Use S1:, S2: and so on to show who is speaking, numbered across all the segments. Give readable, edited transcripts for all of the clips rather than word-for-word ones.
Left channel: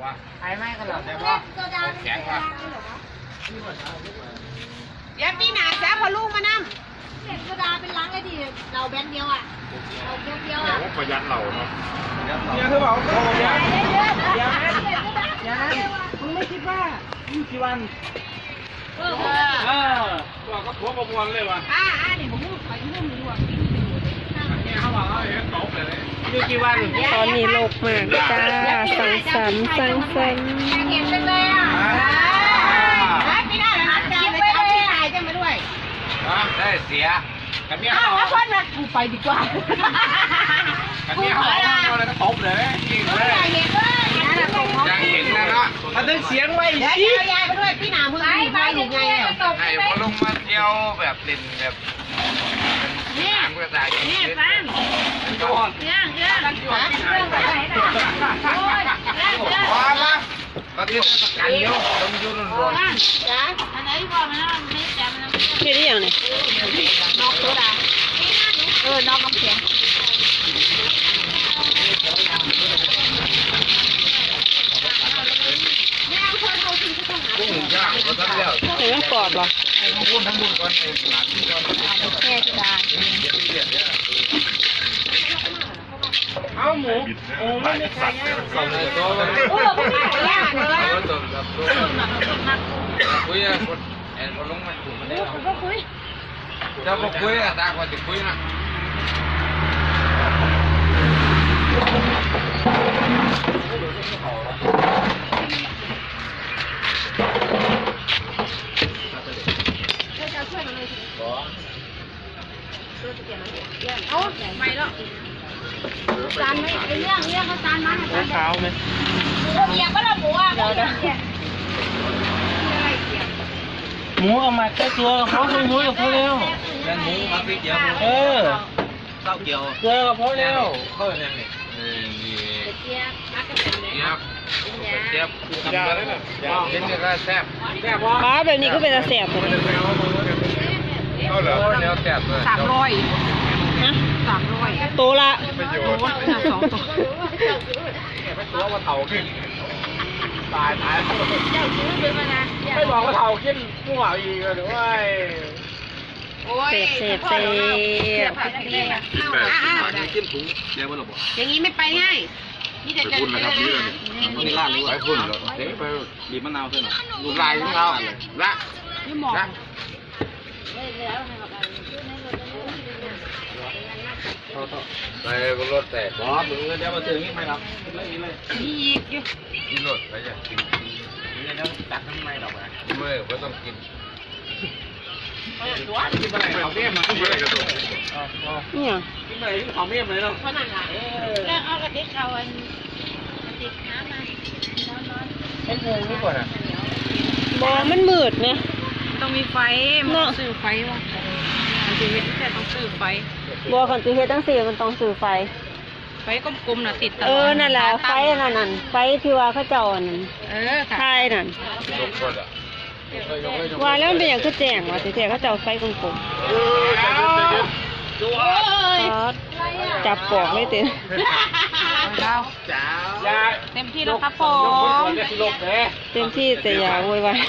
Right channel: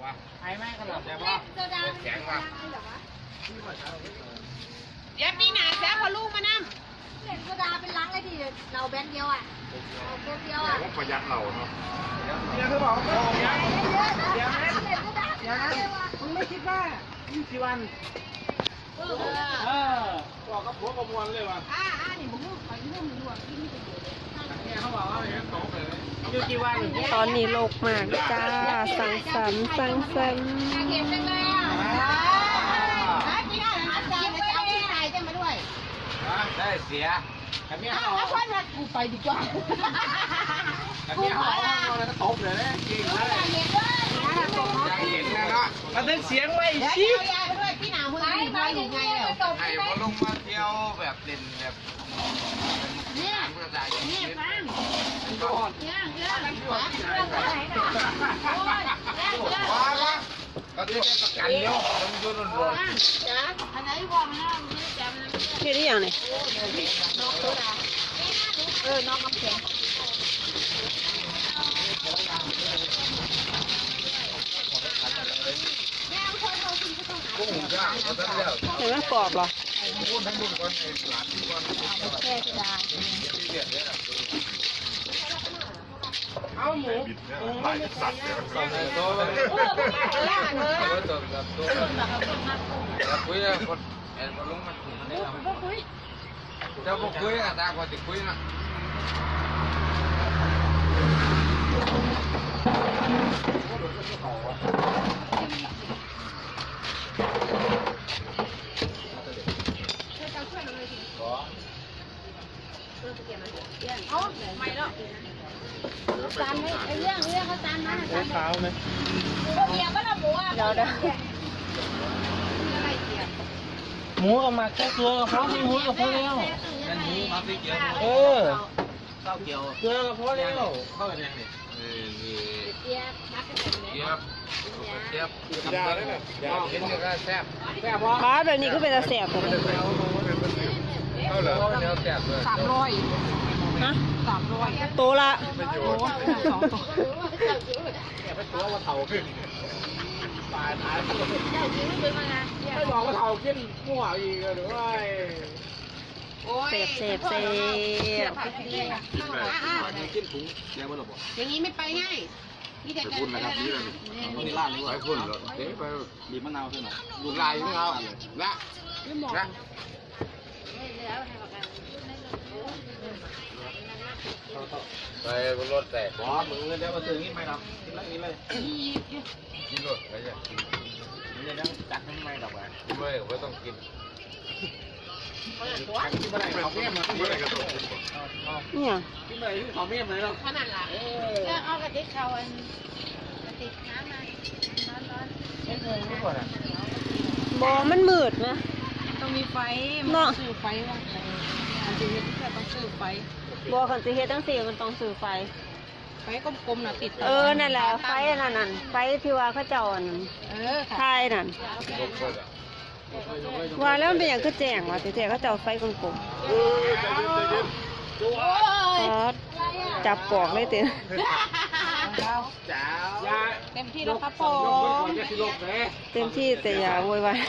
S1: ไอ้ไม่ก็หลับได้ปะแข็งครับ
S2: เดี๋ยวปีหน้าแซ่พอลูกมานั่ง
S3: เด็กโซดาเป็นล้างได้ดีเราแบนเดียวอ่ะเราแบนเดียวอ่ะ
S1: ประหยัดเราครับ
S4: เนี่ยคือบอกเดี๋ยว
S3: มึงไม่คิดว่า
S4: กี่วันตัวก็พัวประมวลเลยวะ
S3: นี่ผมพูดไปเรื่องนี้ว่า
S4: เนี่ยเขาบอกเขาเห็นตกเลยอยู่กี่วัน
S5: ตอนนี้โลกมากจ้าสังสรรค์
S3: เห็นเลยอ่ะไม่ได้แล้วนะคิดไปเอาที่ตายจะมาด้วย
S1: ได้เสียกันเนี่ย
S3: ถ้าคนมากูไปดีกว่า
S1: กันเนี่ยเขาเลยตบเลยจริงเลยอยากเห็นนะนะ
S4: มันต้องเสียงไว้
S3: สิยายไปด้วยพี่หนามือไปหลุดไง
S1: ไอ้พอลงมาเที่ยวแบบเล่นแบบ
S3: นี่ฟัง
S1: ว้าละก็ที่ประกันเยอะต้องยุ่งรวม
S3: อันไหนว่ามันไม่แจ่มนะ
S5: นี่ได้ยังไง
S3: นอกโซดาน้องน้ำแข็ง
S5: เห็นไหมกรอบหรอ
S3: แค่โซดา
S4: เอาหมูไม่ได้ใช่
S3: โอ้ไม่ได้เลย
S1: คุยคนแอนคนลงมาถูกมันได้
S3: คุย
S1: จะบอกคุยอะตากว่าจะคุยนะ
S3: เอาไม่หรอกจานไม่ไอ้เรื่องก็จานมาจาน
S4: เท้าไหม
S3: เมียก็ละหมูอ่ะ
S5: เดี๋ยว
S4: หมูเอามาแค่ตัวเขาดูหมูกับเขาเร็ว
S1: นั่นหมูมาพริกเกี๊ยวข้าวเกี๊ยว
S4: เกลือกับเขาเร็ว
S1: เข้าไปยังนี่
S3: เจี๊ยบมักกะเทียมเลย
S1: เจี๊ยบทำได้แล้วนะเห็นก็แซ่บ
S5: ป้าแบบนี้ก็เป็นแสบเลย
S1: เอาเหรอเนื้อแซ่บเลย
S5: ฮะ
S2: 300
S5: โตละ
S2: 2ตัว
S1: ตัวว่าเท่าขึ้นตาย
S4: ไม่บอกว่าเท่าขึ้นมั่วอีกหรือว่า
S5: เสพ
S1: ขึ้นถุงแย่บ้าหรอ
S2: อย่างนี้ไม่ไปง่ายนี่แต่กัน
S1: นะครับนี่เลยนี่ร้านนี้ไปพุ่นเหรอเดี๋ยวไปบีบมะนาวเท่านั้นดูลายของเราละ
S2: นี่หมอก
S1: ไปบนรถแต่บอสมึงเดี๋ยวมาถึงนี่ไม่หรอกไม่มีเลย
S2: นี่อยู่
S1: กินรถไปจ้ะกินเดี๋ยวตักทำไมหรอกไม่ก็ต้องกิน
S4: กินอะไรเขาเมี่ยมมา
S5: เนี่ย
S4: กินอะไรเขาเมี่ยมเลยเนาะ
S3: เพราะนั่นแหละเอากระติกเอาอันกระติกน้ำมา
S4: ไม่งงนี่ก่อนอ่ะ
S5: บอมันมืดไง
S2: ต้องมีไฟมันซื้อไฟว่ะมันจะเห็นแต่ต้องซื้อไฟ
S5: บอขันตูเฮ็ดตั้งสี่มันต้องสื่อไฟ
S2: กลมๆน่ะติด
S5: นั่นแหละไฟนั่นไฟที่ว่าเขาเจ้านั่นใช่นั่นว่าแล้วมันเป็นอย่างคือแจ้งว่าแต่เขาเจ้าไฟกลมๆจับปอกเลยเต็ม
S2: เต็มที่แล้วครับผม
S5: เต็มที่แต่อย่าโวยวาย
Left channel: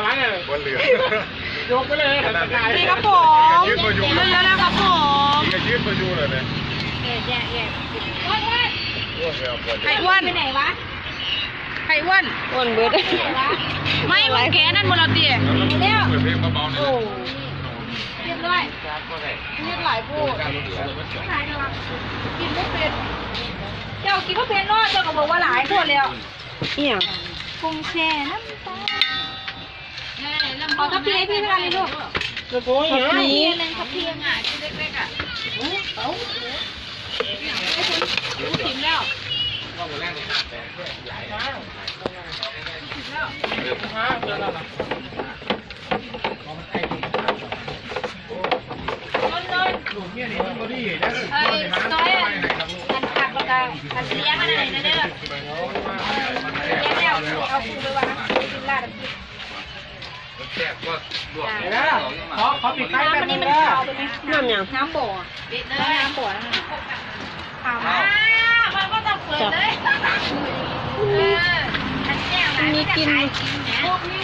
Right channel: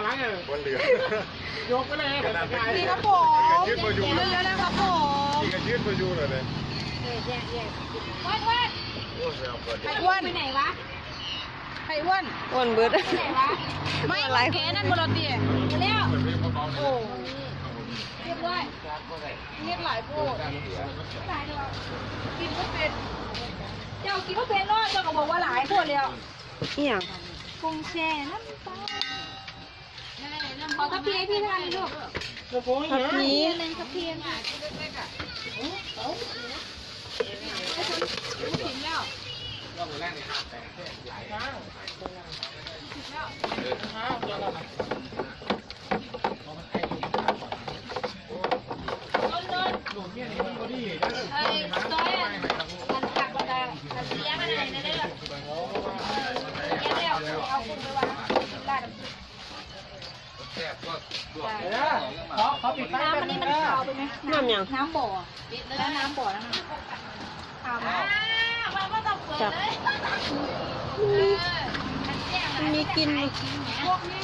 S4: ยกไปเลย
S2: นี่ครับผมเยอะๆนะครับผม
S1: ยืดมาอยู่เลยเนี่ย
S2: ไข่อ้วน
S3: ไปไหนวะ
S2: ไข่อ้วน
S5: เบิด
S2: ไม่หลายแกนั่นบนเราเตี๋ย
S3: เร็ว
S1: เปิดเพลงเบาๆหน่อย
S3: เรียบร้อยเรียบหลายพูดกินไม่เป็นเจ้ากินก็เป็นรอดเจ้าก็บอกว่าหลายพูดแล้ว
S5: เนี่ย
S3: กุ้งแช่น้ำตาขอทัพพีให้พี่เท่าไหร่ลูก
S4: กระโปรง
S3: ทัพพีนึงทัพพีอ่ะที่เล็กๆอ่ะเขาถิ่มแล้วซอยอันผักแล้วก็อันเลี้ยงอะไรนั่นเด้อเลี้ยงแล้วเอาคุณไปวางลาด
S4: ขอปิดไฟแบบนี้นะ
S5: น้ำยัง
S3: น้ำบ่อปิดเลยน้ำบ่อมันก็ต้องเปิดเลย
S5: มีกิน
S3: พวกนี้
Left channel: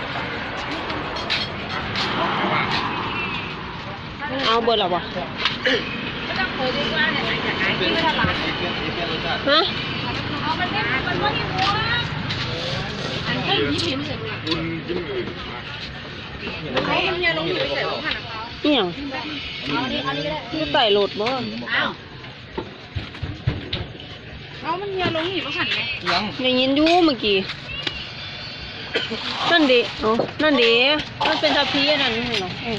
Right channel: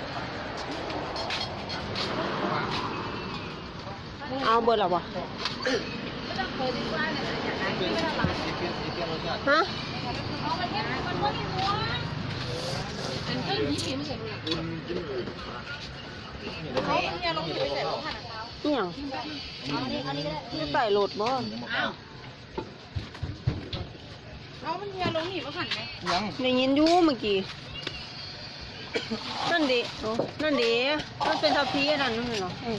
S5: เอาเบิดหรอวะ
S3: ไม่ต้องเคยได้ว่าเนี่ยอยากขายที่ไม่ทำร้าน
S5: ฮะ
S3: เอามันเนี่ยมันก็ยังหัวอันก็ยิ้มเห็นเสร็จแล้ว
S1: คุณกินเลย
S3: เฮ้ยเนี่ยลงอยู่เสร็จแล้วค่ะ
S5: เอี่ยงนี่ไต่โหลดบ่
S3: เอามันเนี่ยลงอยู่ก็หันไหม
S1: ยัง
S5: ได้ยินอยู่เมื่อกี้นั่นดิโอ้นั่นดิมันเป็นทัพพีอันนั้นไม่ใช่เหรอเออ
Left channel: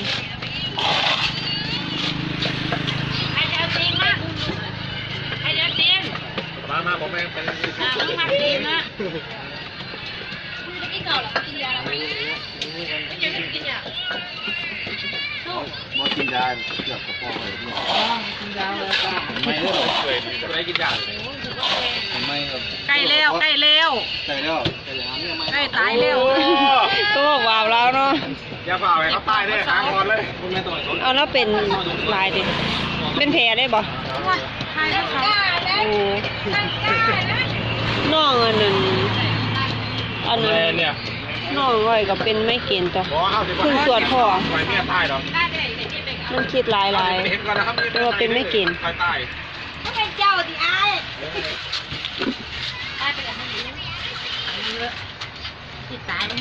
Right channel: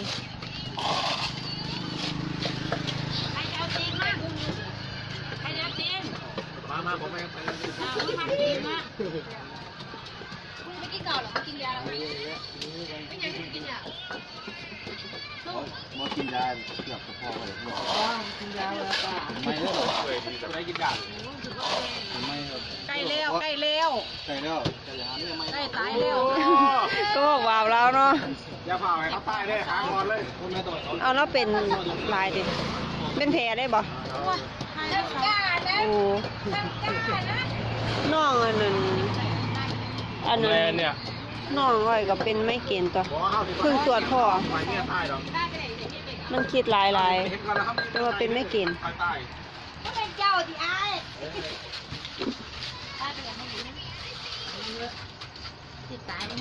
S3: ไอเดียวจริงมากไอเดียวจริง
S1: มาผมไปไป
S3: ทำจริงนะคุณจะกินเก่าหรอกินยาแล้วไม่กินยา
S1: หมอกินยาเกือบกระเพาะเลยกินยาแล้วจ้าไม่เลยไม่กินยาไม่ครับ
S2: ใกล้แล้วใกล้แล้ว
S1: ใช่แล้ว
S2: ใกล้ตายแล้ว
S5: ก็บอกว่าแล้วเนาะ
S1: อย่าฝ่าไปเขาตายได้หางก่อนเลยคุณแม่ต้อง
S5: เอาแล้วเป็นลายดิเป็นแผลได้บ่
S2: ว่าใครก็เขา
S5: โอ้น้องอันนั้นอันนั้น
S1: เนี่ย
S5: น้องอ้อยก็เป็นไม่เกณฑ์ต่อเพิ่งตรวจพ่อ
S1: ไปเนี่ยตายหรอ
S5: มันคิดหลายแต่ว่าเป็นไม่เกณฑ์
S1: ตายตาย
S3: ก็เป็นเจ้าสิไอ้ตายไปแล้วมันติดตายแล้ว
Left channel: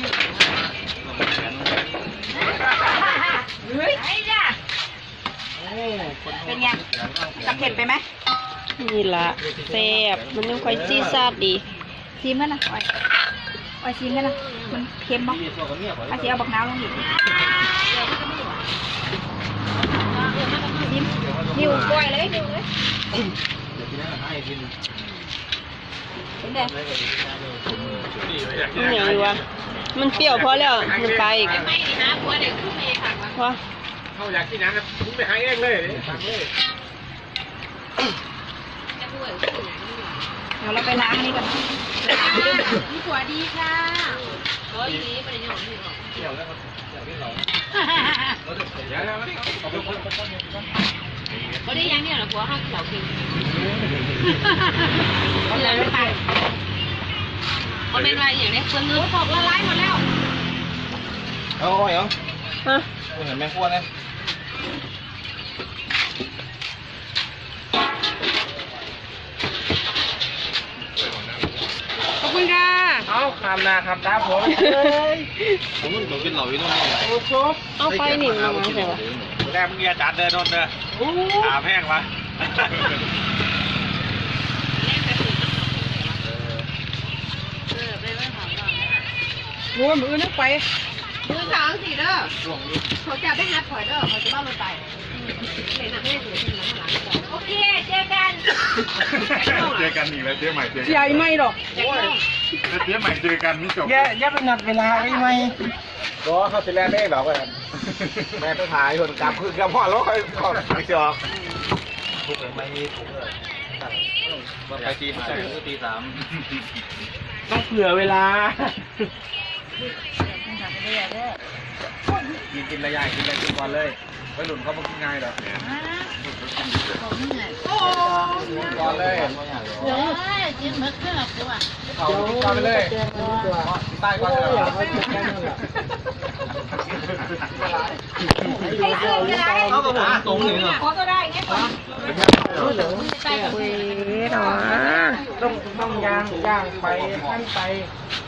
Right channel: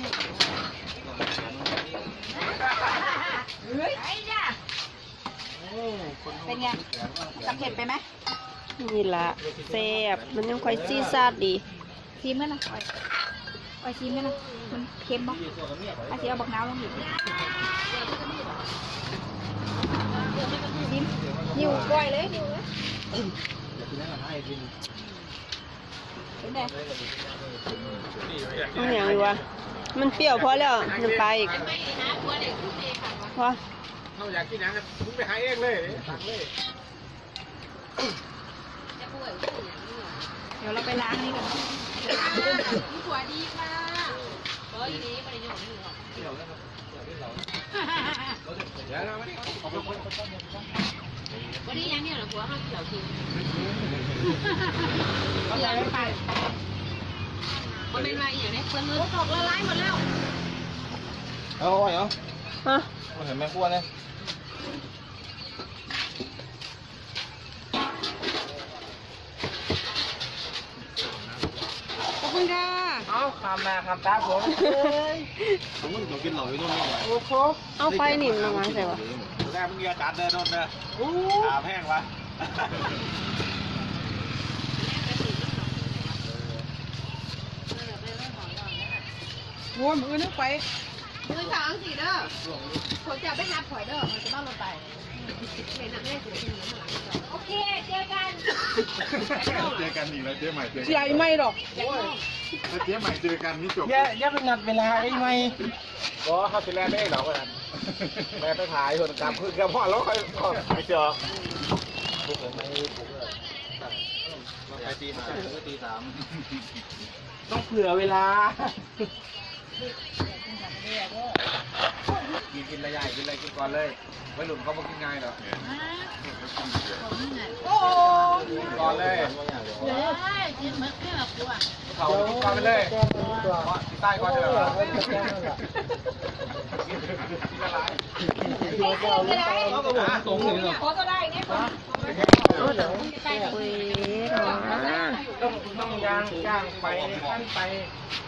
S3: เฮ้ยไอ้จ้ะเป็นไงจะเผ็ดไปไหม
S5: นี่ละแซ่บมันยังค่อยซีซาดดี
S3: ซีมกันนะอ้อยซีมกันนะมันเค็มป่ะอาซีเอาบักน้ำลงอีกนิ้วกล้วยเลยนิ้วเลยเป็นไง
S5: มันอย่างไรวะมันเปรี้ยวพอแล้วมันไปอีกพอ
S1: เขาอยากกินน้ำนะคุณไปหาเองเลย
S3: เดี๋ยวเราไปล้างอันนี้ก่อนล้างเรื่อง
S2: นี่หัวดีค่ะก็อีนี้ไปหยองหยอง
S1: เดี๋ยวนะครับเดี๋ยวพี่เราเดี๋ยวแล้วขอบคุณ
S2: ก็ได้ยังเนี่ยหรอหัวห้องเหล่ากินเหลือไปก็เป็นไรอย่างนี้เพื่อนเนื้อพอกละลายหมดแล้ว
S1: เอาเหรอ
S5: ฮะ
S1: เห็นแม่ขั้วนะ
S2: ขอบคุณค่ะ
S4: เอาคำนาคำตาผม
S1: ผมมันก็กินเหล่าอยู่นี่
S4: โอ้โห
S5: เอาไฟหนิมมาใส่ปะ
S1: แรกมึงอย่าจัดเดินโดนเด้อขาแห้งวะ
S2: รวมมือนึกไป
S3: มือขางสิเด้อเขาจะได้งัดถอยเด้อเขาจะบ้ารถไปโอเคเจอกัน
S1: เจอกันอีกแล้วเจ๊ใหม่เจอกัน
S2: ใหญ่ไม่หรอก
S1: แล้วเจ๊ใหม่เจอกันนี่จบ
S4: อย่าไปนัดเวลาไว้ไหมก็เขาสิแลนได้หรอกันแม่ต้องถ่ายคนกลับคือกลับพ่อแล้วค่อยไปจอถูกหรือไม่ถูกเลย
S1: ไปตีห้าตีสาม
S4: ต้องเผื่อเวลา
S1: กินระยะกินอะไรกินก่อนเลยไว้หลุนเขาไม่กินง่ายหรอกก่อนเลยกินมะเขือกูอ่ะเอาก่อนไปเลยใต้ก่อนเลย
S3: เขาก็บอกตรงนี้เหรอขอก็ได้ไงก่อน
S5: เว้ยเนาะ
S4: ต้องย่างไปขั้นไป